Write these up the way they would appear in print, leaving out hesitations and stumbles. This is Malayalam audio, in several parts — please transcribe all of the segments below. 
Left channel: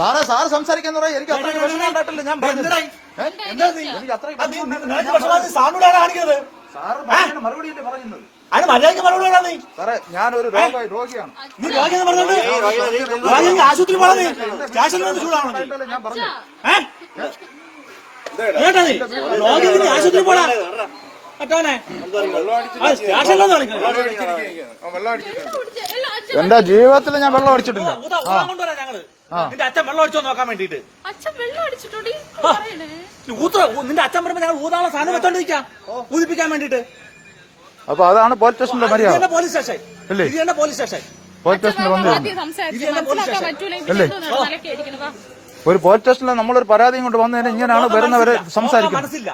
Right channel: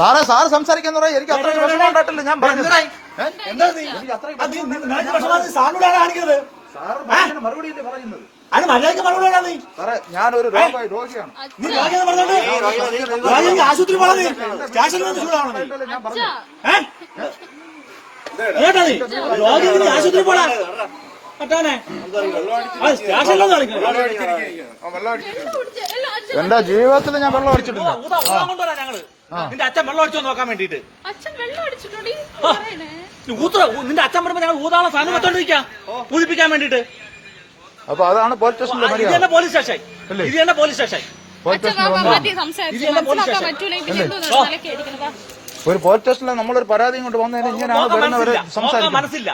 സാറേ സംസാരിക്കുന്ന എനിക്ക് അത്ര വിഷമം ഉണ്ടായിട്ടില്ല. ഞാൻ പറഞ്ഞു മറുപടിയല്ലേ പറയുന്നത്. അതിന് മര്യാദയ്ക്ക് മറുപടി സാറേ ഞാനൊരു രോഗിയാണ്. ആശുപത്രി പോണത് ഞാൻ പറഞ്ഞു ആശുപത്രി പോടാ എന്റെ ജീവിതത്തിൽ ഞാൻ വെള്ളം അടിച്ചിട്ടില്ല. ഞങ്ങള് നിന്റെ അച്ഛൻ വെള്ളം അടിച്ചോ നോക്കാൻ വേണ്ടിട്ട്. നിന്റെ അച്ഛൻ പറയുമ്പോ ഞങ്ങൾ ഊതാളം സാധനം വെച്ചോണ്ടിരിക്കാം പൂജിപ്പിക്കാൻ വേണ്ടിട്ട്. അപ്പൊ അതാണ് പോലീസ് സ്റ്റേഷനിലെ മര്യാദ. പോലീസ് സ്റ്റേഷൻ ഇത് തന്നെ പോലീസ് സ്റ്റേഷൻ. ഒരു പോലീസ് സ്റ്റേഷനിൽ നമ്മളൊരു പരാതിയും കൊണ്ട് വന്നതിന് ഇങ്ങനെയാണ് വരുന്നവരെ സംസാരിക്കുന്നത്. മനസ്സില്ല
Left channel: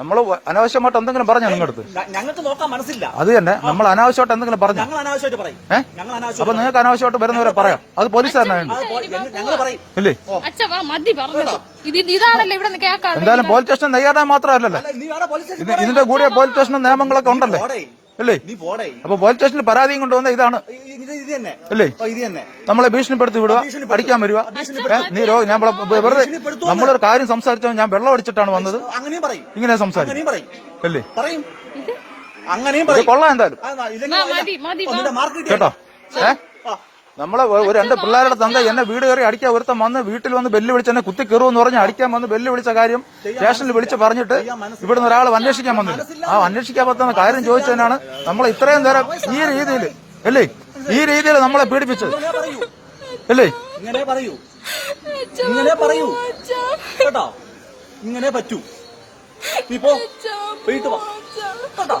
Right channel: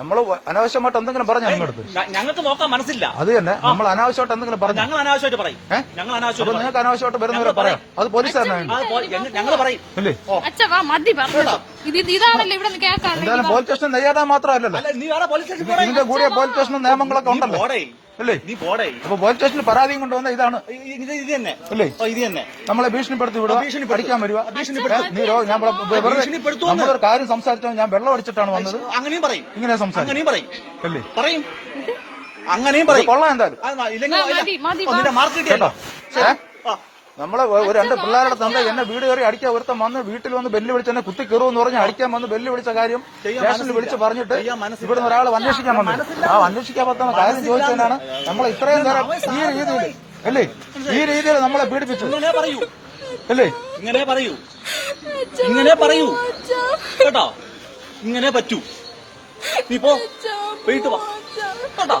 നമ്മള് അനാവശ്യമായിട്ട് എന്തെങ്കിലും പറഞ്ഞു നിങ്ങളടുത്ത് ഞങ്ങൾക്ക് നോക്കാൻ മനസ്സില്ല. അത് തന്നെ നമ്മൾ അനാവശ്യമായിട്ട് എന്തെങ്കിലും പറഞ്ഞു ഞങ്ങൾ അനാവശ്യമായിട്ട് പറയും. അപ്പൊ നിങ്ങൾക്ക് അനാവശ്യമായിട്ട് വരുന്നവരെ പറയാം. അത് പോലീസ് തന്നെ ഞങ്ങൾ പറയും. ഇല്ലേ ഇതാണല്ലോ ഇവിടെ എന്തായാലും പോലീസ് സ്റ്റേഷൻ നെയ്യാറാൻ മാത്രമല്ലല്ലോ, ഇതിന്റെ കൂടെ പോലീസ് സ്റ്റേഷൻ നിയമങ്ങളൊക്കെ ഉണ്ടല്ലോ അല്ലേ. അപ്പൊ പോലീസ് സ്റ്റേഷനിൽ പരാതിയും കൊണ്ടുവന്ന ഇതാണ് അല്ലേ. നമ്മളെ ഭീഷണിപ്പെടുത്തി വിടുക, പഠിക്കാൻ വരിക. നമ്മളൊരു കാര്യം സംസാരിച്ചാൽ ഞാൻ വെള്ളം അടിച്ചിട്ടാണ് വന്നത് അങ്ങനെയും പറയും. ഇങ്ങനെ സംസാരിക്കും അല്ലേ. പറയും അങ്ങനെയും പറയും. കൊള്ളാം എന്തായാലും കേട്ടോ. നമ്മളെ എന്റെ പിള്ളേരുടെ തന്ത എന്നെ വീട് കയറി അടിക്കാൻ ഒരുത്തം വന്ന് വീട്ടിൽ വന്ന് ബെല്ല് വിളിച്ച് എന്നെ കുത്തി കയറുമെന്ന് പറഞ്ഞ് അടിക്കാൻ വന്ന് ബെല്ല് വിളിച്ച കാര്യം സ്റ്റേഷനിൽ വിളിച്ച് പറഞ്ഞിട്ട് ഇവിടുന്ന് ഒരാൾ അന്വേഷിക്കാൻ വന്നു. ആ അന്വേഷിക്കാൻ പറ്റുന്ന കാര്യം ചോദിച്ചതിനാണ് നമ്മൾ ഇത്രയും നേരം ഈ രീതിയിൽ അല്ലേ, ഈ രീതിയിൽ നമ്മളെ പീഡിപ്പിച്ചത് അല്ലേ. ഇങ്ങനെ പറയൂ കേട്ടോ, ഇങ്ങനെ പറ്റൂ. നീ പോ വീട്ടു വാ കേട്ടോ.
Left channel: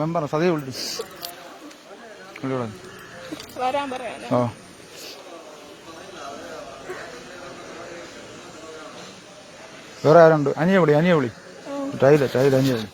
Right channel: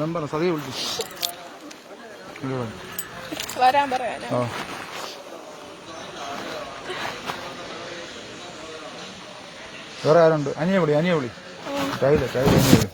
മെമ്പർ സതി വരാൻ പറയാനോ. വേറെ ആരുണ്ട്? അനിയ വിളി ടൈല അനിയ വിളി.